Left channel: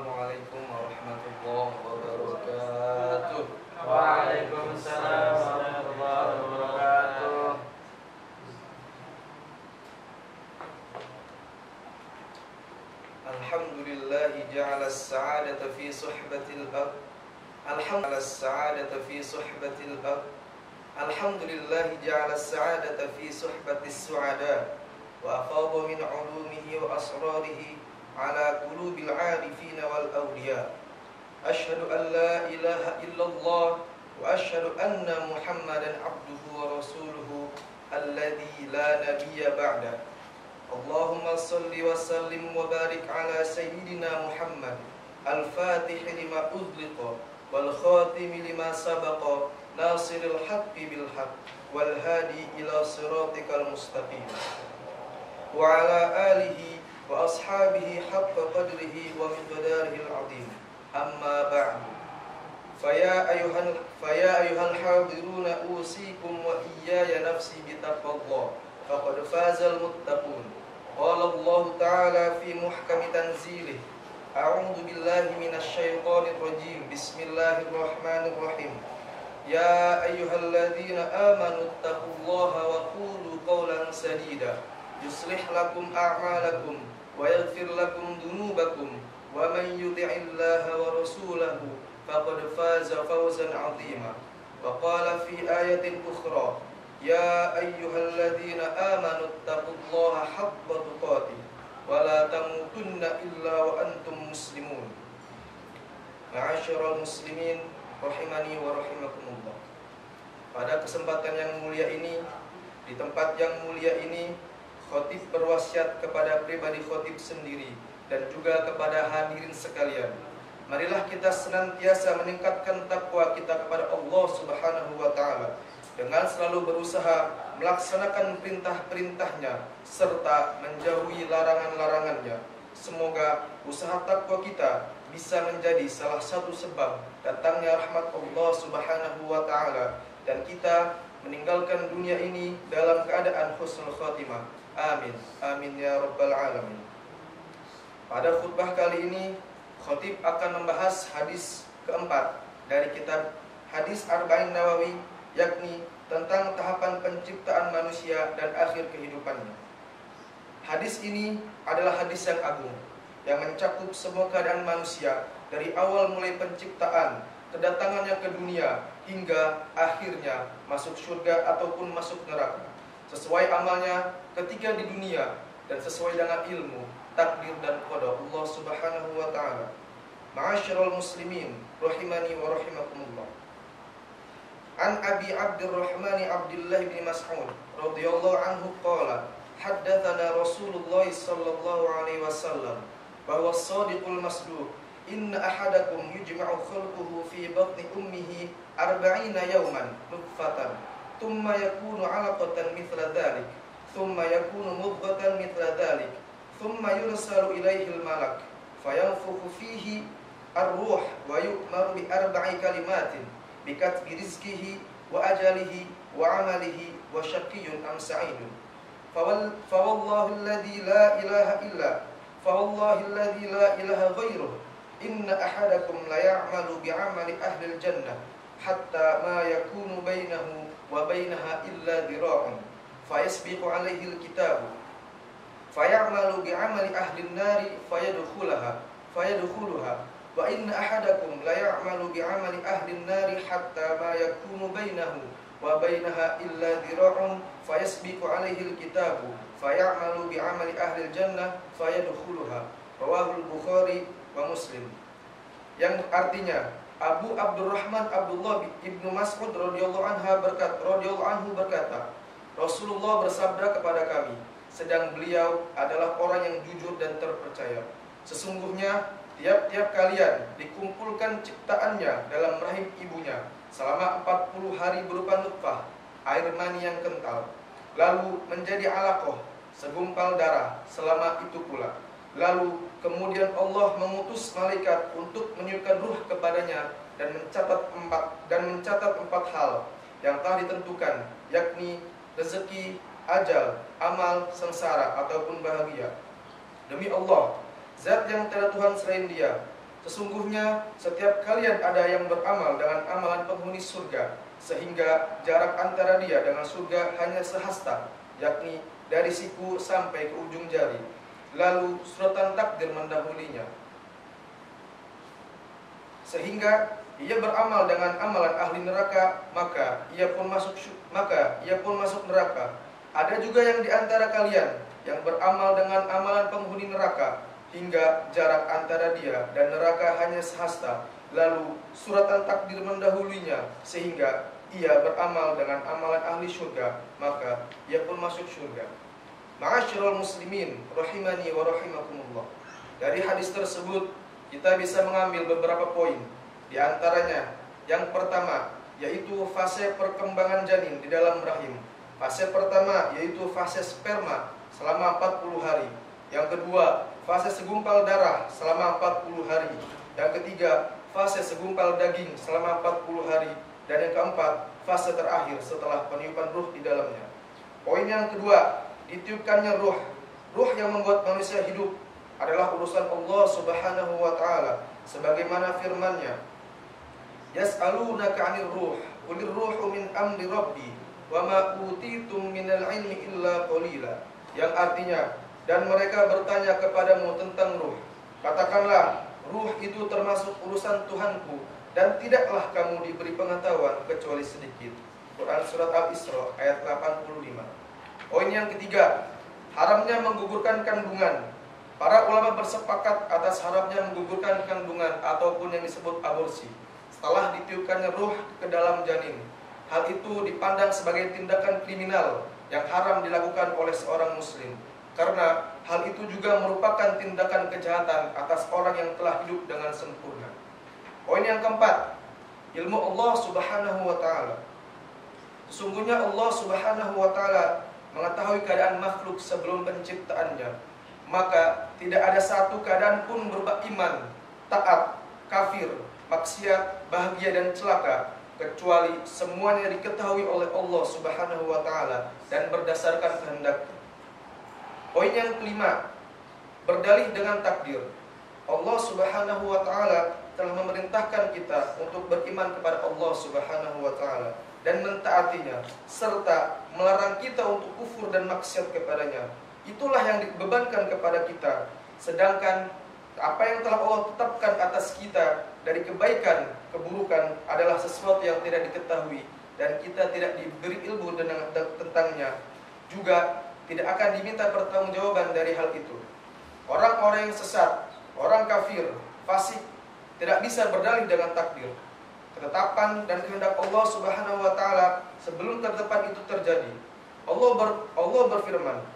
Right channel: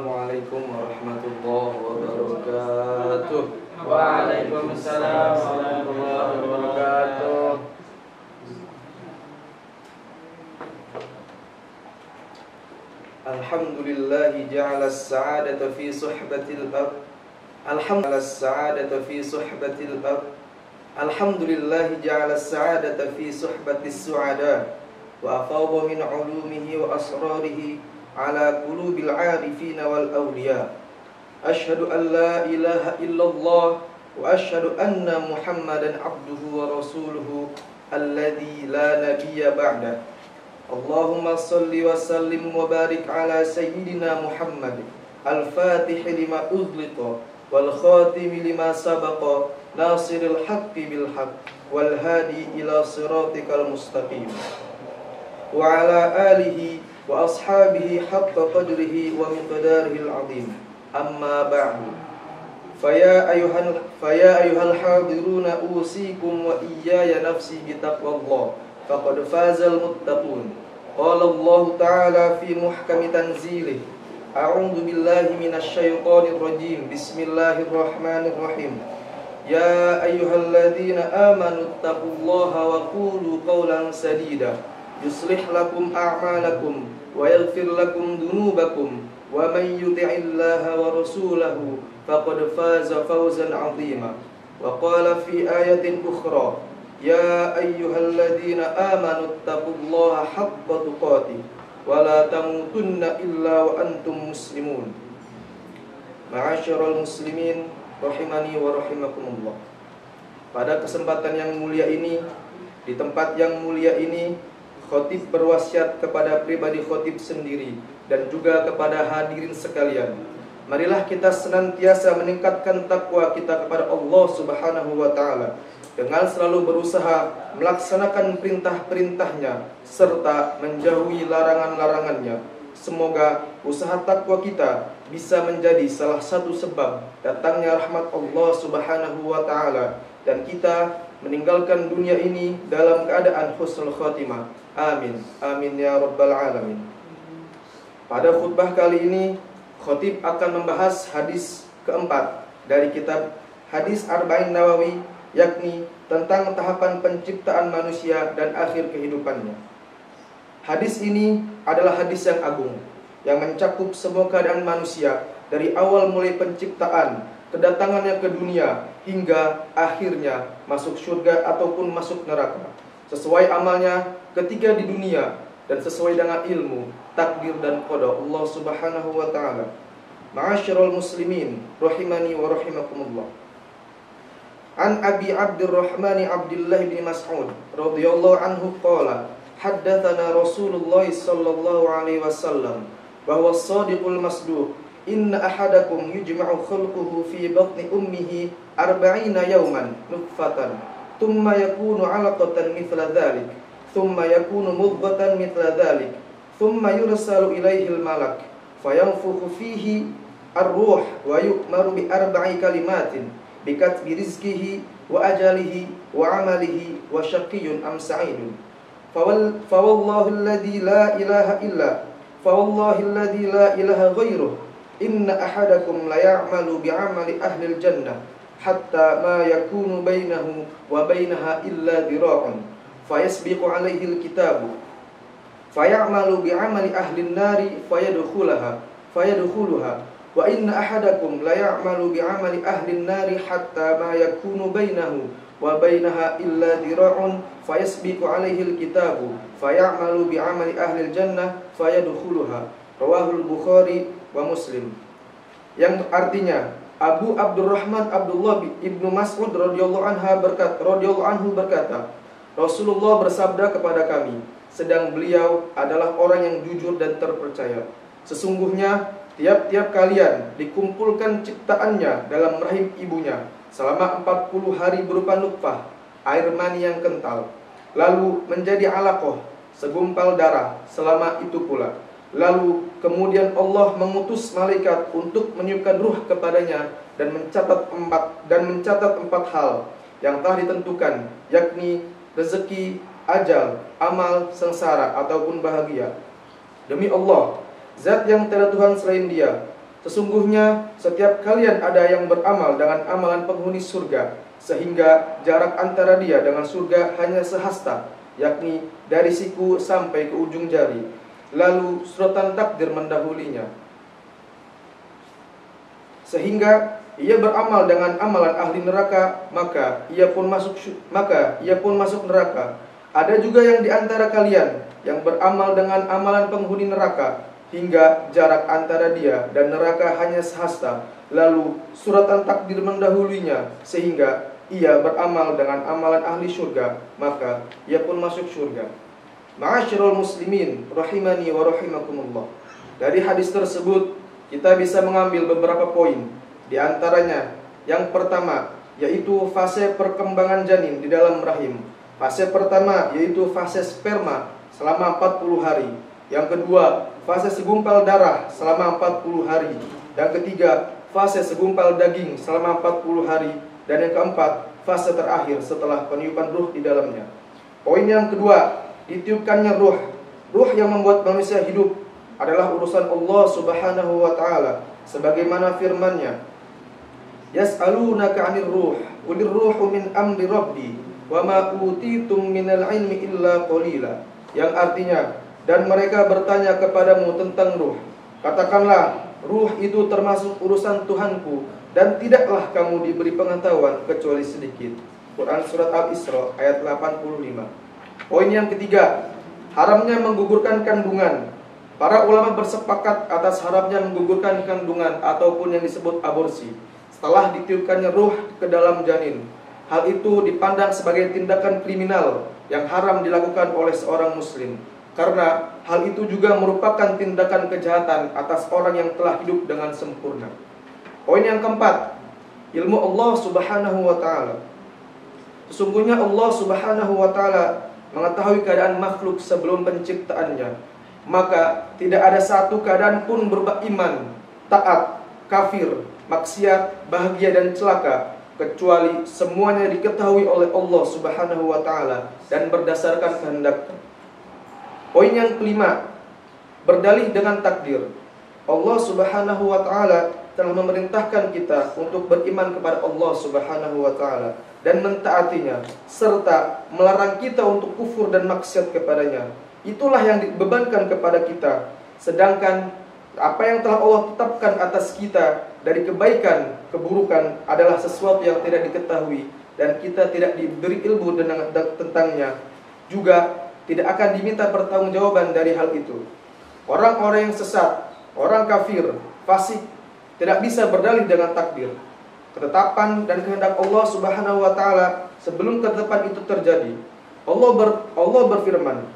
Assalamualaikum warahmatullahi wabarakatuh. Waalaikumsalam warahmatullahi wabarakatuh. Alhamdulillahi ja'ala as-sa'adata fi suhbatil ard. Alhamdulillah as-sa'adata fi suhbatil ard. Alhamdulillahi ja'ala as-sa'adata fi suhbatis su'ada wa afadha min 'ulumihi wa asrarihi ala qulubil 'arifin wal awliya. Ashhadu an la ilaha illallah wa ashhadu anna Muhammadan abduhu wa rasuluhu alladzi la nabiyya ba'dah. Allahumma salli wa sallim wa barik ala sayyidina Muhammad al-fatih lima uzliqa wal khatim lima sabaqa nasiril haqqi bil haqq wal hadi ila siratikal mustaqim wa ala alihi wa ashabihi haqqa qadrihi wa miqdarihil azim. Amma ba'du. Faya ayuhal hadiruna usikum wa iyaya nafsi bitaqwallah faqad fazal muttaqun. Qala Allah ta'ala fi muhkami tanzilih. A'udzu billahi minasy syaithanir rajim. Bismillahirrahmanirrahim. Ya ayyuhalladzina amanu taqullaha wa qulu qawlan sadida yuslih lakum a'malakum wa yaghfir lakum dhunubakum wa man yuti'illaha wa rasulahu faqad faza fawzan 'azima. Wa qala fi ayatin ukhra ya ayyuhalladzina amanu taqullaha haqqa tuqatih wa la tamutunna illa wa antum muslimun. Ma'asyiral muslimin rahimani wa rahimakumullah. Pada kesempatan yang mulia ini, di tempat yang mulia ini, khatib berwasiat kepada pribadi khatib sendiri dan juga kepada hadirin sekalian. Marilah kita senantiasa meningkatkan takwa kita kepada Allah Subhanahu wa taala dengan selalu berusaha melaksanakan perintah-perintahnya serta menjauhi larangan-larangannya. Semoga usaha takwa kita bisa menjadi salah satu sebab datangnya rahmat Allah Subhanahu wa taala dan kita meninggalkan dunia ini dalam keadaan husnul khatimah. Amin. Amin ya rabbal alamin. Pada khutbah kali ini, khatib akan membahas hadis keempat dari kitab Hadis Arba'in Nawawi, yakni tentang tahapan penciptaan manusia dan akhir kehidupannya. Hadis ini adalah hadis yang agung, yang mencakup semua keadaan manusia dari awal mulai penciptaan, kedatangannya ke dunia, hingga akhirnya masuk surga ataupun masuk neraka, sesuai amalnya ketika di dunia dan sesuai dengan ilmu, takdir dan qada Allah Subhanahu wa taala. Ma'asyiral muslimin rahimani wa rahimakumullah. An Abi Abdurrahman Abdullah bin Mas'ud radhiyallahu anhu qala haddatsana Rasulullah sallallahu alaihi wasallam bahwa shadiqul masduq inna ahadakum yujma'u khalquhu fi batni ummihi 40 yawman nutfatan thumma yakunu 'alaqatan mithla dhalik thumma yakunu mudghatan mithla dhalik thumma yursalu ilaihil malak fayanfukhu fihi ar-ruh wa yu'maru bi arba'i kalimatin bikatbi rizqihi wa ajalihi wa amalihi wa syaqiyyun am sa'idun fawallahi alladhi la ilaha ghairuh inna ahadakum la ya'malu bi'amali ahli al-jannah hatta ma yakunu bainahu wa bainaha illa dhira'un fayasbiqu alaihi al-kitabu fayamalu bi'amali ahli an-nari fayadkhulaha wa inna ahadakum la ya'malu bi'amali ahli an-nari hatta ma yakunu bainahu wa bainaha illa dhira'un fayasbiqu alaihi al-kitabu fayamalu bi'amali ahli al-jannah fayadkhuluha. Rawahul Bukhari wa Muslim. Yang artinya Abu Abdurrahman Abdullah ibnu Mas'ud radhiyallahu anhu berkata, Rasulullah bersabda kepada kami, sedang beliau adalah orang yang jujur dan terpercaya. Sesungguhnya tiap-tiap kalian dikumpulkan ciptaannya dalam rahim ibunya selama 40 hari berupa nutfah, air mani yang kental, lalu menjadi alaqah, segumpal darah selama itu pula. Lalu kemudian Allah mengutus malaikat untuk meniupkan ruh kepadanya dan mencatat empat hal yang telah ditentukan, yakni rezeki, ajal, amal, sengsara ataupun bahagia. Demi Allah, zat yang tiada Tuhan selain Dia, Sesungguhnya setiap kalian ada yang beramal dengan amalan penghuni surga, sehingga jarak antara dia dengan surga hanya sehasta, yakni dari siku sampai ke ujung jari. Lalu suratan takdir mendahulinya, sehingga ia beramal dengan amalan ahli neraka, maka ia pun masuk neraka. Ada juga yang di antara kalian yang beramal dengan amalan penghuni neraka, hingga jarak antara dia dan neraka hanya sehasta. Lalu suratan takdir mendahulunya, sehingga ia beramal dengan amalan ahli surga, maka ia pun masuk surga. Ma'asyiral muslimin rahimani wa rahimakumullah. Dari hadis tersebut kita bisa mengambil beberapa poin. Di antaranya, yang pertama yaitu fase perkembangan janin di dalam rahim. Fase pertama yaitu fase sperma selama 40 hari. Yang kedua, fase segumpal darah selama 40 hari. Yang ketiga, fase segumpal daging selama 40 hari. Dan yang keempat, fase terakhir setelah peniupan ruh di dalamnya. Poin yang kedua, ditiupkannya ruh. Ruh yang membuat manusia hidup adalah urusan Allah Subhanahu wa taala, sebagaimana firman-Nya, Yas'alunaka 'anir ruh, qulir ruhu min amri rabbi, wa ma utitum minal ilmi illa qalila. Yang artinya, dan mereka bertanya kepadamu tentang ruh. Katakanlah, ruh itu termasuk urusan Tuhanku, dan tidaklah kamu diberi pengetahuan kecuali sedikit. Quran Surat Al-Isra ayat 85. Poin yang ketiga, haramnya menggugurkan kandungan. Para ulama bersepakat atas haramnya menggugurkan kandungan ataupun yang disebut aborsi setelah ditiupkannya ruh ke dalam janin. Hal itu dipandang sebagai tindakan kriminal yang haram dilakukan oleh seorang muslim, karena hal itu juga merupakan tindakan kejahatan atas orang yang telah hidup dengan sempurna. Poin yang keempat, ilmu Allah Subhanahu wa taala. Sesungguhnya Allah Subhanahu wa taala mengetahui keadaan makhluk sebelum penciptaannya. Maka tidak ada satu keadaan pun berupa iman, taat, kafir, maksiat, bahagia dan celaka, kecuali semuanya diketahui oleh Allah Subhanahu wa taala dan berdasarkan kehendaknya. Poin yang kelima, berdalih dengan takdir. Allah Subhanahu wa taala telah memerintahkan kita untuk beriman kepada Allah Subhanahu wa taala dan mentaatinya, serta melarang kita untuk kufur dan maksiat kepadanya. Itulah yang dibebankan kepada kita. Sedangkan apa yang telah Allah tetapkan atas kita dari kebaikan, keburukan adalah sesuatu yang tidak diketahui dan kita tidak diberi ilmu tentangnya. Juga tidak akan diminta pertanggungjawaban dari hal itu. Orang-orang yang sesat, orang kafir, fasik tidak bisa berdalih dengan takdir, ketetapan dan kehendak Allah Subhanahu wa taala sebelum ketetapan itu terjadi. Allah berfirman,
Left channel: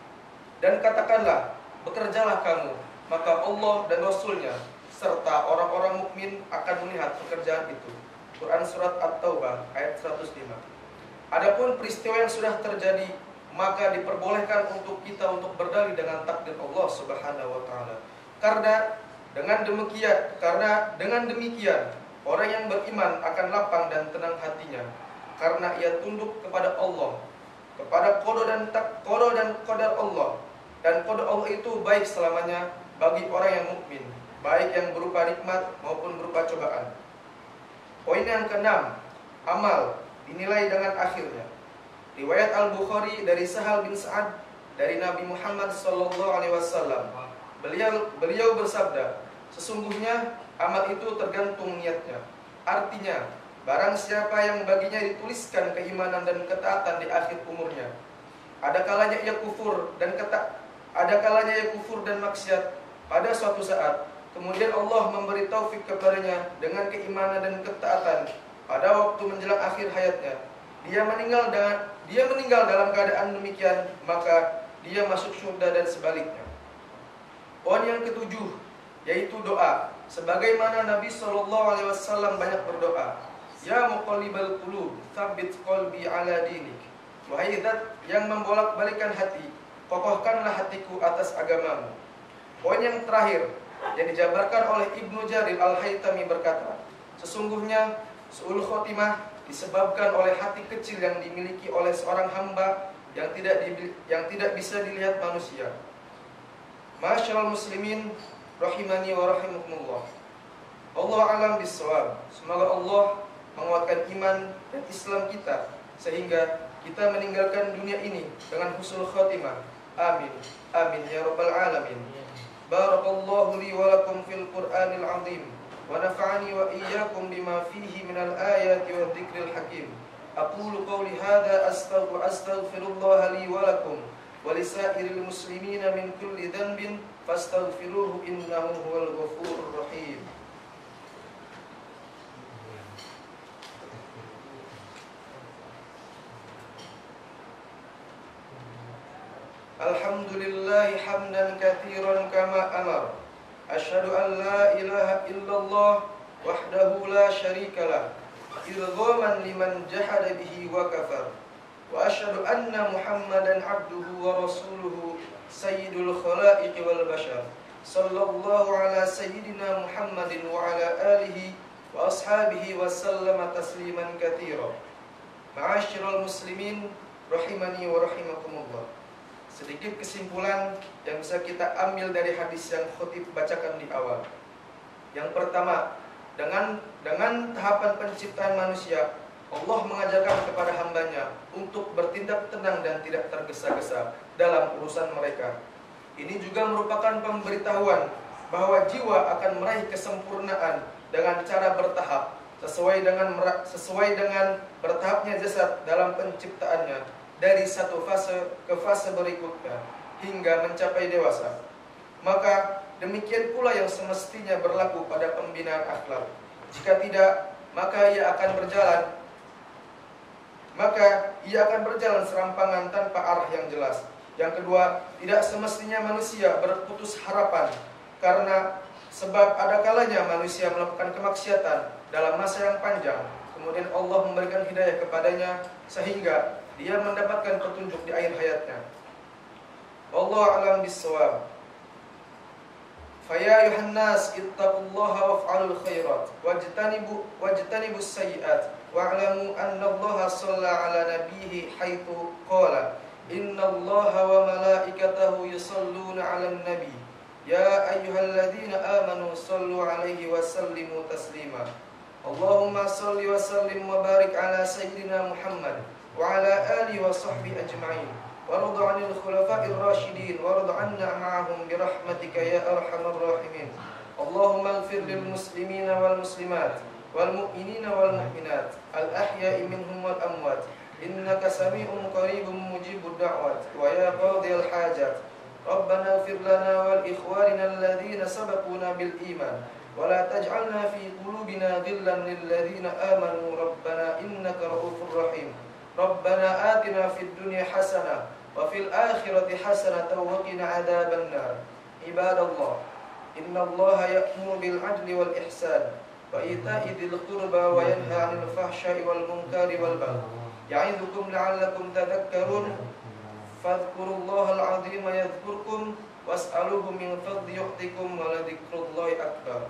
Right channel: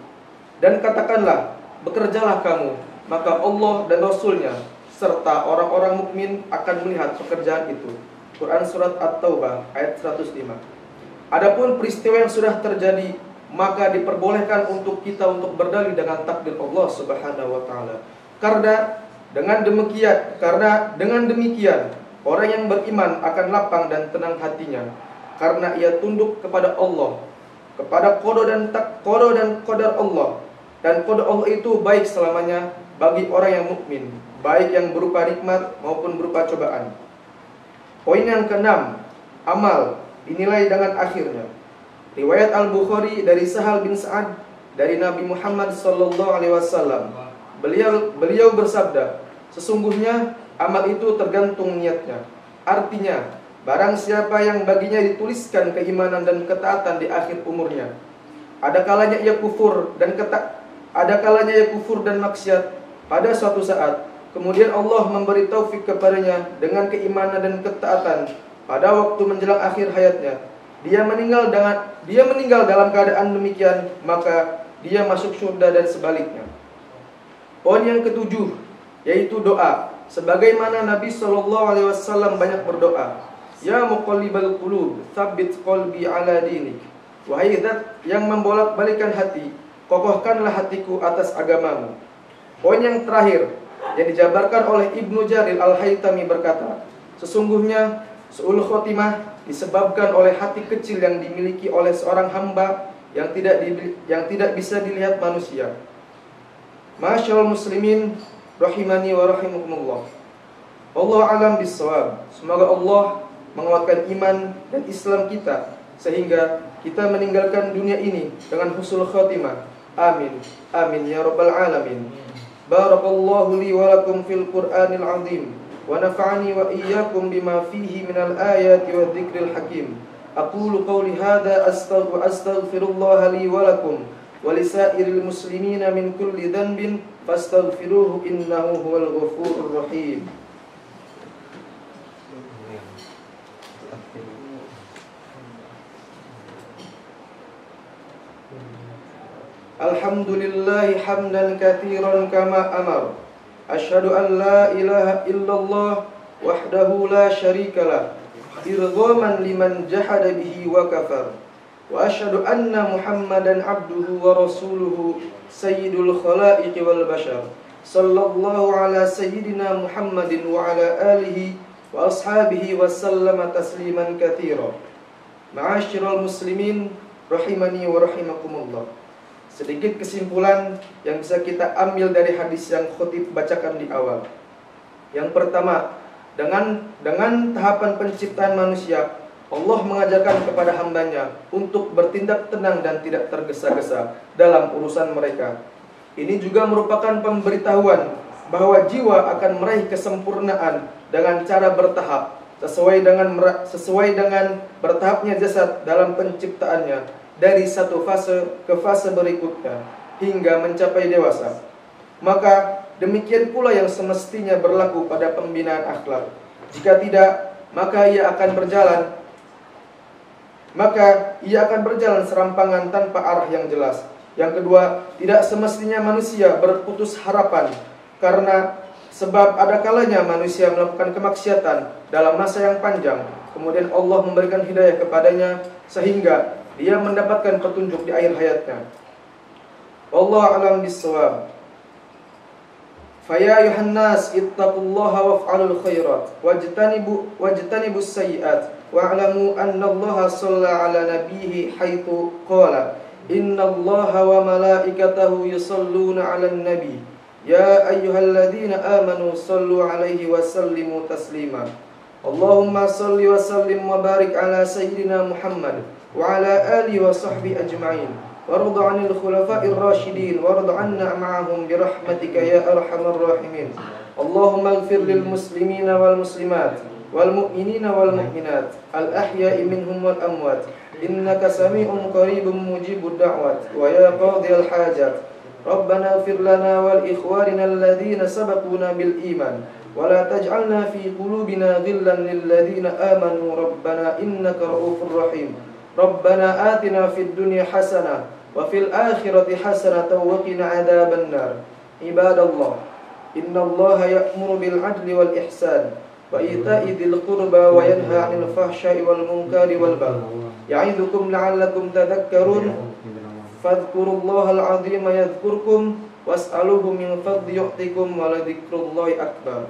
dan katakanlah, bekerjalah kamu, maka Allah dan Rasul-Nya serta orang-orang mukmin akan melihat pekerjaan itu. Quran Surat At-Taubah ayat 105. Adapun peristiwa yang sudah terjadi, maka diperbolehkan untuk kita untuk berdalih dengan takdir Allah Subhanahu wa taala. Karena dengan demikian orang yang beriman akan lapang dan tenang hatinya, karena ia tunduk kepada Allah, kepada qada dan qadar Allah. Dan qada Allah itu baik selamanya bagi orang yang mukmin, baik yang berupa nikmat maupun berupa cobaan. Poin yang keenam, amal dinilai dengan akhirnya. Riwayat Al-Bukhari dari Sahal bin Sa'ad dari Nabi Muhammad SAW. Beliau bersabda, sesungguhnya amal itu tergantung niatnya. Artinya, barang siapa yang baginya dituliskan keimanan dan ketaatan di akhir umurnya, ada kalanya ia kufur dan maksiat pada suatu saat, kemudian Allah memberi taufik kepadanya dengan keimanan dan ketaatan pada waktu menjelang akhir hayatnya, dia meninggal dalam keadaan demikian, maka dia masuk surga dan sebaliknya. Poin yang ketujuh yaitu doa, sebagaimana Nabi SAW banyak berdoa, Ya muqallibal qulub, tsabbit qalbi ala dinik. Wahai zat yang membolak-balikan hati, kokohkanlah hatiku atas agamamu. Poin yang terakhir yang dijabarkan oleh Ibnu Jarir Al-Haytami berkata, sesungguhnya su'ul khotimah disebabkan oleh hati kecil yang dimiliki oleh seorang hamba yang tidak bisa dilihat manusia. Ma'asyiral muslimin rahimani wa rahimakumullah. Allah alam bisawab. Semoga Allah menguatkan iman dan Islam kita sehingga kita meninggalkan dunia ini dengan husnul khatimah. Amin. Amin ya rabbal alamin. Barakallahu li wa lakum fil Qur'anil azim wa nafa'ani wa iyyakum bima fihi minal ayati wa dzikril hakim. Aqulu qawli hadza astaghfirullah li wa lakum wa lisairil muslimina min kulli dhanbin fastaghfiruhu innahu huwal ghafurur rahim. Alhamdulillahi hamdan katsiran kama amar. Asyhadu an la ilaha illallah wahdahu la syarikalah irghaman liman jahada bihi wa kafar. Wa asyhadu anna Muhammadan abduhu wa rasuluhu sayyidul khalaiqi wal bashar. Sallallahu ala sayyidina Muhammadin wa ala alihi wa ashabihi wa sallama tasliman katsira. Ma'asyiral muslimin rahimani wa rahimakumullah. Sedikit kesimpulan yang bisa kita ambil dari hadis yang khotib bacakan di awal. Yang pertama, dengan tahapan penciptaan manusia, Allah mengajarkan kepada hambanya untuk bertindak tenang dan tidak tergesa-gesa dalam urusan mereka. Ini juga merupakan pemberitahuan bahwa jiwa akan meraih kesempurnaan dengan cara bertahap, sesuai dengan bertahapnya jasad dalam penciptaannya, dari satu fase ke fase berikutnya hingga mencapai dewasa. Maka demikian pula yang semestinya berlaku pada pembinaan akhlak. Jika tidak, maka ia akan berjalan serampangan tanpa arah yang jelas. Yang kedua, tidak semestinya manusia berputus harapan karena sebab ada kalanya manusia melakukan kemaksiatan dalam masa yang panjang, kemudian Allah memberikan hidayah kepadanya sehingga dia mendapatkan petunjuk di akhir hayatnya. Wallahu a'lam bissawab. Faya ayuhan nas ittaqullaha waf'alul khairat wajtanibus sayyi'at wa'lamu anna Allaha shalla 'ala nabiyhi haitsu qala innallaha wa malaikatahu yusalluna 'alan nabi ya ayyuhalladzina amanu sallu 'alaihi wa sallimu taslima. Allahumma salli wa sallim wa barik 'ala sayyidina Muhammad وعلى آله وصحبه أجمعين وارض عن الخلفاء الراشدين وارض عنا معهم برحمتك يا أرحم الراحمين. اللهم اغفر للمسلمين والمسلمات والمؤمنين والمؤمنات الأحياء منهم والأموات إنك سميع قريب مجيب الدعوات ويا قاضي الحاجات. ربنا اغفر لنا ولإخواننا الذين سبقونا بالإيمان ولا تجعلنا في قلوبنا غلا للذين آمنوا ربنا إنك رؤوف رحيم. ربنا آتنا في الدنيا حسنة وفي الآخرة حسنة وقنا عذاب النار. عباد الله إن الله يأمر بالعدل والإحسان وإيتاء ذي القربى وينهى عن الفحشاء والمنكر والبغي يعظكم لعلكم تذكرون. فاذكروا الله العظيم يذكركم واسألوه من فضل يعطكم ولذكر الله أكبر.